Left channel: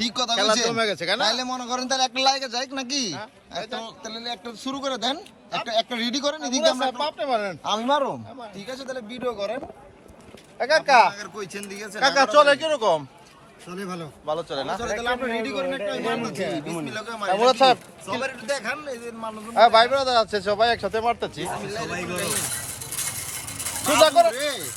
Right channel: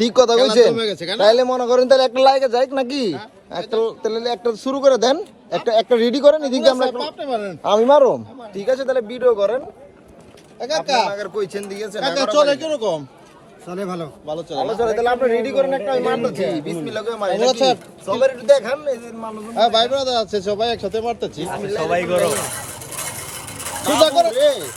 ঠিক কথা? তাহলে মনে করেন তাহলে একটা যাই নাকি? একটা তাহলে একটা শুরু করে দেন। একটা একটা রেডি করেন এদিকে আমরা আমি মারুম। ঠিক আছে তাহলে ভিডিও করেন। কাকা। কইছেন দিয়েছেন। কাকা চলে কীরকম? চলে ভালো। ভালো চলে না? চলে তাহলে আপনি রেডি করেন একটা মারতেছি বিসমিল্লাহ করে মারি। একটু দেখান এই যে মানুষজন। হ্যাঁ ভাই ব্রাদার আছে সবাই একসাথে মারতেছি। সবাই করো। সোজা করেন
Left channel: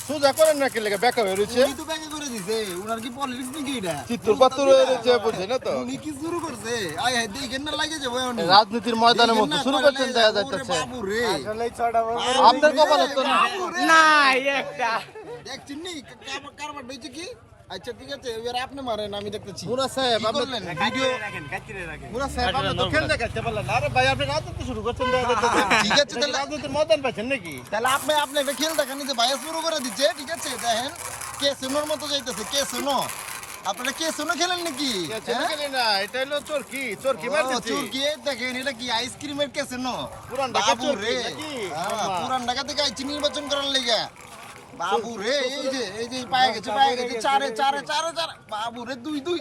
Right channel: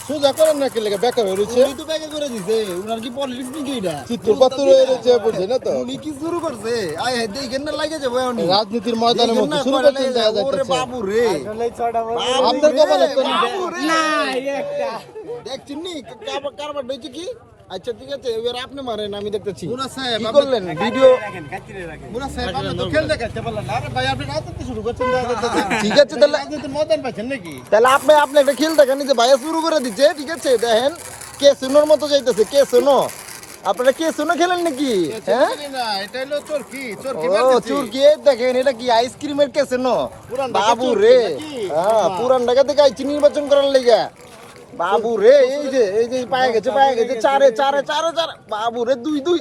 সোজা করেন না কি লেগে বেকা হয়ে রয়েছে? উনি তো করে দিছে উনার কি পলিটিক্স নাকি এটা? চিত্তুর পাত্তুর হয়ে রয়েছে বুঝছে না তো? উনি কি শুরু করছে? আয় হ্যাঁ দেখেন না লাগে যাব এখন রাজনীতির ময়দানের মতো শুরু করছেন দেখা যাচ্ছে বাবু রে। আপনার কপালে তো না দেখছেন নি কারবার কারবার হয়েছে কি? আচ্ছা ঠিক আছে এবার আপনি মারেন আমি দেখতেছি। মুরা সাহেব কি আপনি- করলেন? ভিডিও মুরা সাহেব আপনি তো খেল দেখাতে পারলেন আরে ভাই আপনি রাজনীতি শুরু করছেন ঠিক আছে তাহলে রাজনীতির ময়দান পাচ্ছেন নাকি? তাহলে আপনি আপনি একটা খেল দেখেন যে ভাইয়া শুরু করে দিচ্ছে ঠিক আছে দেখেন কে শুনোর মতো যাইতেছে কে শুনো আপনারা কে শুনো খেলেন নাকি? হ্যাঁ? না এটা হলো চোরকি দেখেন এটা কি আইসক্রিমের কেসে নো পুরান ঢাকা বাবু রে। হ্যাঁ পুরান ঢাকা থেকে আইছি নির্বাচন করার লেগে। বাবু রে এই যে এই যে পায়ে গেছে পায়ে গেছে চারে চারে চারে চারে। বাবু রে দুই দুই।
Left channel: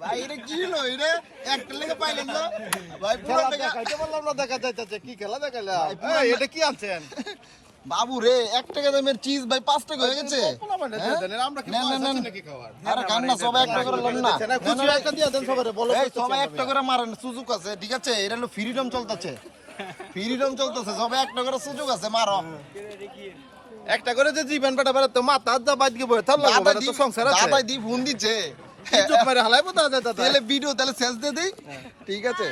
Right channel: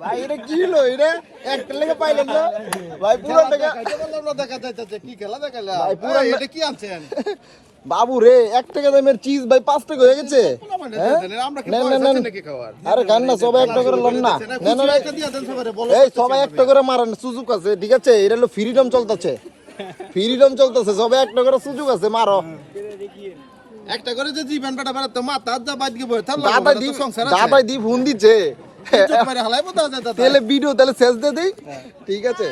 ভাই এটা কি হলো এটা? একটা লেগে না? ভাই ঢাকা দেখাইতে পারলাম না দেখা যাইতেছে। কি খেলা ভাই, না- এটা কি আনছেন? বাবু রে এক টাকা দামের চিজ ভাই পাঁচ টাকা হয়ে গেছে। হ্যাঁ? আরে সবাই একটা করে লন না। সবাই আমরা। একটা করে মারেন সুযোগ আছে ঠিক আছে? এটা হলো ফ্রিডম চলতেছে। ফ্রিডম চলতেছে সবে একটা করে সুযোগ আছে মারো। একটা করে যে জীবন পেটা বেড়া তো মাথা যা বাদ গিয়ে বয়ে থাকল দাদা দি সংসার আছে। দাদা দি ফোন দিচ্ছে। চুপ মারে হালাই বোঝা যায় দাদা তাহলে ভিডিও তাহলে শেষ দিয়ে দেই। ঠিক আছে।